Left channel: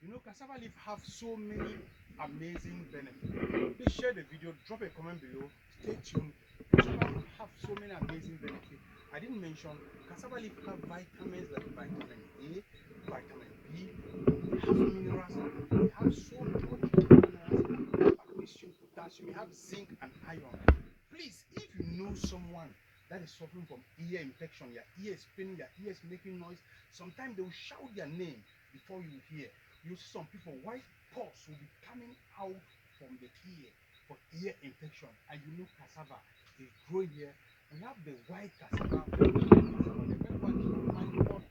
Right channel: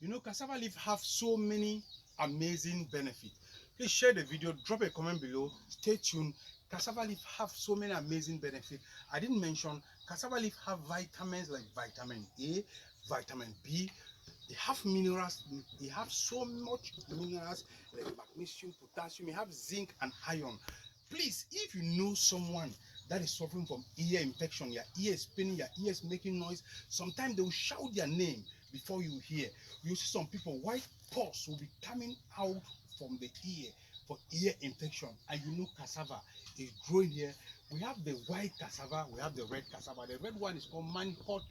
You know, cassava leaf have so many amazing benefits. Please share the video, drop a comment below. Stay tuned. Cassava leaf have so many amazing benefits. I didn't mention cassava leaf have vitamins like vitamin A, vitamin B. They have minerals. They have so much minerals. They have magnesium, potassium. They have zinc and iron. Please, if you know someone that is suffering from ear infection, your ear is spinning, your ear is making noise, sometimes they will shout their name before you hear. You see some people, white pus will be coming out from the ear for ear infection, and you know cassava is growing here. We have the white cassava, we have the red cassava. The red one is called manihot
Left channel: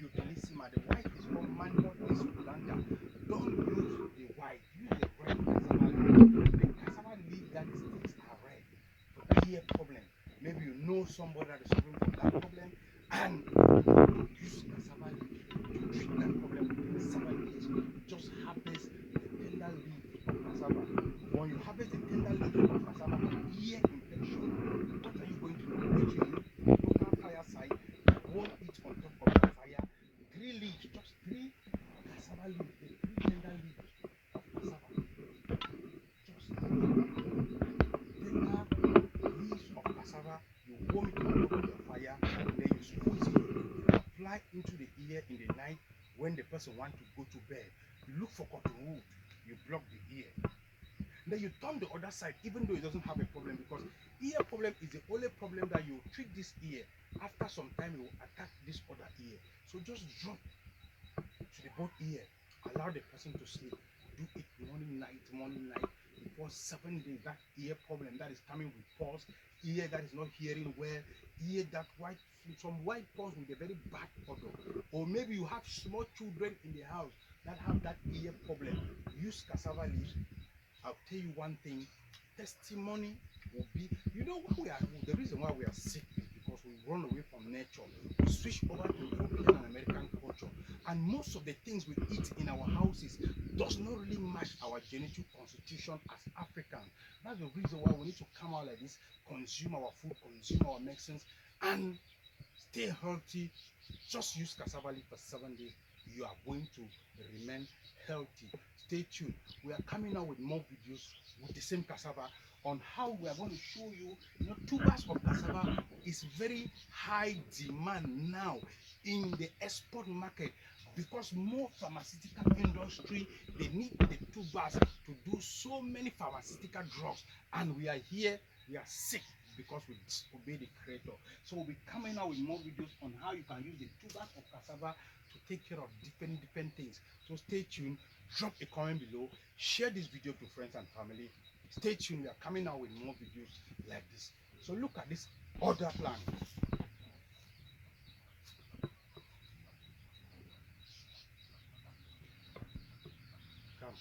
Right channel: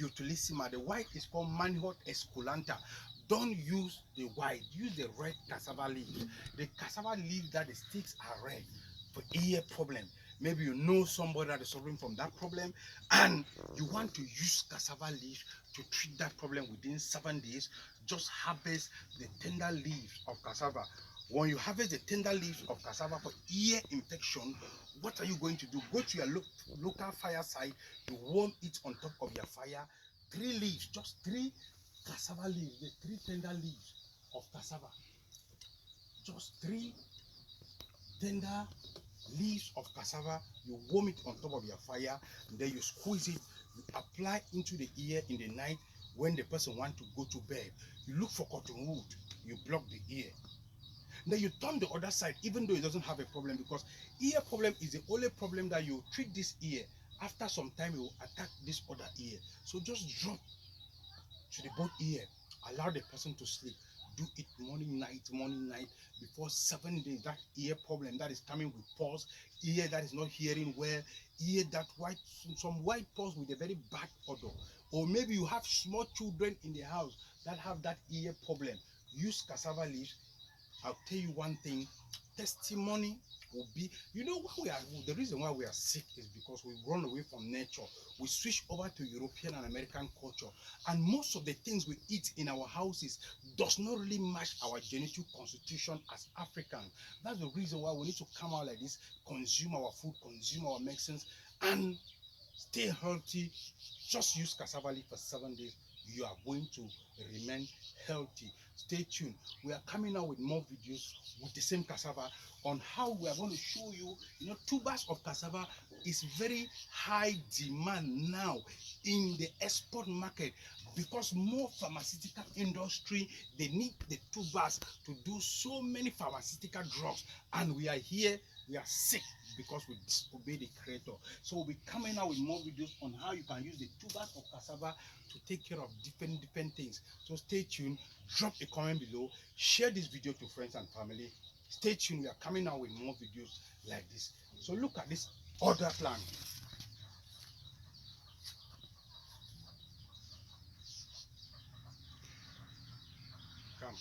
utilissima. The white is called manihot esculenta. Don't use the white, use the red cassava leaves. The cassava leaf that the sticks are red for ear problem. Maybe you know somebody that is suffering from that problem and you want to use cassava leaf to treat that problem within 7 days. Just harvest the tender leaves of cassava. When you harvest the tender leaves of cassava for ear infection, what are you going to do? Go to your local fireside, you warm it on top of the fire. 3 leaves, just 3 cassava leaves, the 3 tender leaves of cassava. Just 3 tender leaves of cassava, you warm it on top of your fire, then you squeeze it, apply into the ear in the night when the person wants to go to bed. You look for cotton wool, you block the ear. Then you turn the other side, even though it doesn't have a problem, because ear problem is the only problem that you treat this ear. After some time, it will attack this other ear. So just drop to the both ear, allow the person to sleep. Do it morning, night. Before 7 days, that ear problem that is coming with pulse, ear that is not hearing well, ear that white, some white pulse with a very bad odor, or maybe you have small children in the house that have that ear problem. Use cassava leaves. I'll tell you one thing, testimony will be, you know, the reason why we are sick is because we run away from nature. We switch over to European and American culture, and most of the things we eat in our houses does not really match our genetic constitution as Africans. That's the reason why we need to come out like this, consume our food, consume our medicines, and stay healthy. Just use cassava leaf for 7 days. You are going to remain healthy. Stay tuned. We are coming out with more videos with the same cassava on how we are going to show you, tubers of cassava is very high demand now in the export market, because more pharmaceutical industry, they need the tubers to do so many pharmaceutical drugs, and we are here, we are sick because we disobey the creator. So we'll be coming out with more videos on how you can use the tubers of cassava to take care of different things. So stay tuned, drop a comment below, share this video to friends and family. Stay tuned, we are coming out with more videos like this. So look at this other plant. Come.